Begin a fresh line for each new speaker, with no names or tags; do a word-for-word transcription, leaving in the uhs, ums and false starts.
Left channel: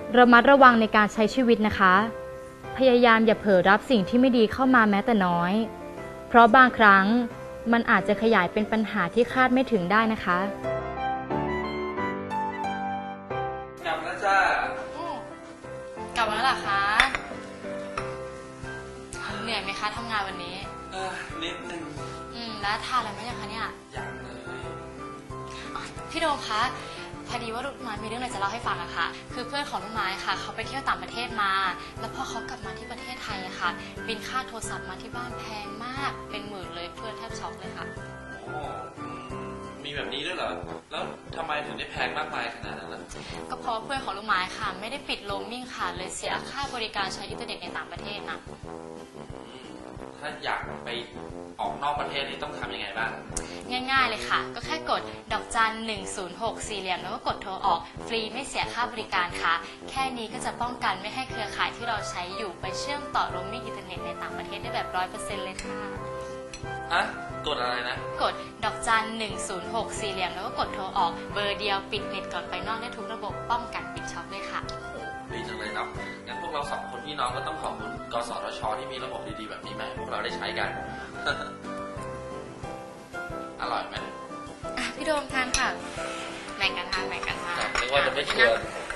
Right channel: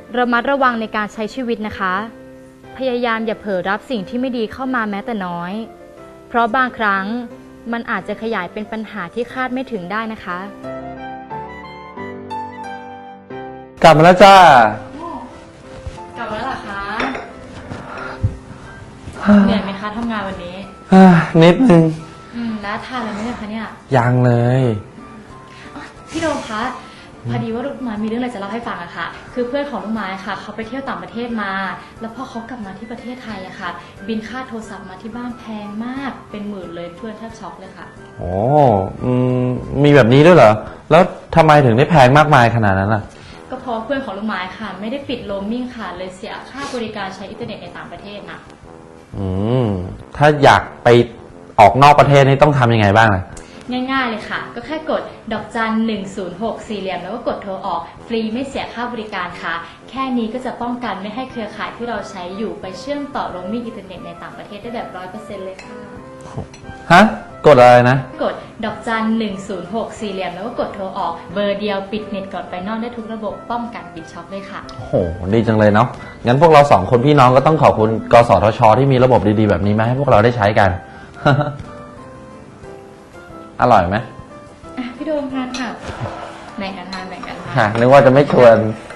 ระมัดระวังในการใช้ชีวิตนะคะ พยายามอย่าเผลอรับสิ่งที่ไม่ดีเข้ามาแม้แต่น้อย เพราะบางครั้งมันอาจจะขยายเป็นปัญหาที่คาดไม่ถึงได้นะคะ
กลับมาแล้วจ้าก
ลับมาแล้วเหรอคะ เหนื่อยไหมคะทำงานวันนี้
อ่านิดนึง
อืมแล้วทานอะไรไหมเนี่ยคะเนี่ย
ยังเลย
อ๋อพี่โดมคะพอดีว่าลูกไม้มีเรื่องอะไรจะเล่าให้ฟังอะค่ะ คือเพื่อนของลูกไม้ค่ะเขาไปเที่ยวต่างประเทศมา แล้วพอเขากลับมาที่ประเทศไทยอะค่ะ บินค่าโทรศัพท์มาที่บ้านแพงมากเป็นหมื่นเลยเพื่อนแทบช็อกเลยค่ะ
โอ้อืมมีแบบนี้ด้วยเหรอ แล้วทำไมถึงได้แพงมากมายขนาดนั้นล่ะ
ก็เพราะว่าเพื่อนของลูกไม้ค่ะ ไม่ได้ปิดโรมมิ่งค่ะ เลยเสียค่าบริการใช้อินเทอร์เน็ตในต่างประเทศนะ
อืม ถ้าอยากไปออกนอกประเทศนี่ต้องทำยังไงบ้างล่ะ
ง่ายๆเลยค่ะ ก็แค่กดดอกจันหนึ่งศูนย์หกสี่เหลี่ยมแล้วก็กดโทรออกฟรีไม่เสียค่าบริการค่ะ แค่นี้ก็จะป้องกันไม่ให้เครือข่ายที่เราใช้อยู่ไปเชื่อมต่อโรมมิ่งอินเทอร์เน็ตในต่างประเทศได้แบบร้อยเปอร์เซ็นต์เลยค่ะ
ฮะ กดอะไรนะ
กดดอกจันหนึ่งศูนย์หกสี่เหลี่ยมแล้วก็กดโทรออกเบอร์เดียวปิดเน็ตก่อนไปนอกได้ทุกระบบป้องกันบิตช็อปเลยค่ะ
โอ้โห ดีจังเลยเนาะ งั้นพวกเราสองคนพี่น้องก็ต้องขอบคุณกสทชที่มีระบบดีๆแบบนี้มาให้พวกเราได้ใช้กัน อร่อยไหม
อ่ะพี่โดมทานค่ะแบ่งกันทานแบ่งกันทาน
ฮะนึกว่าจะไม่ชวน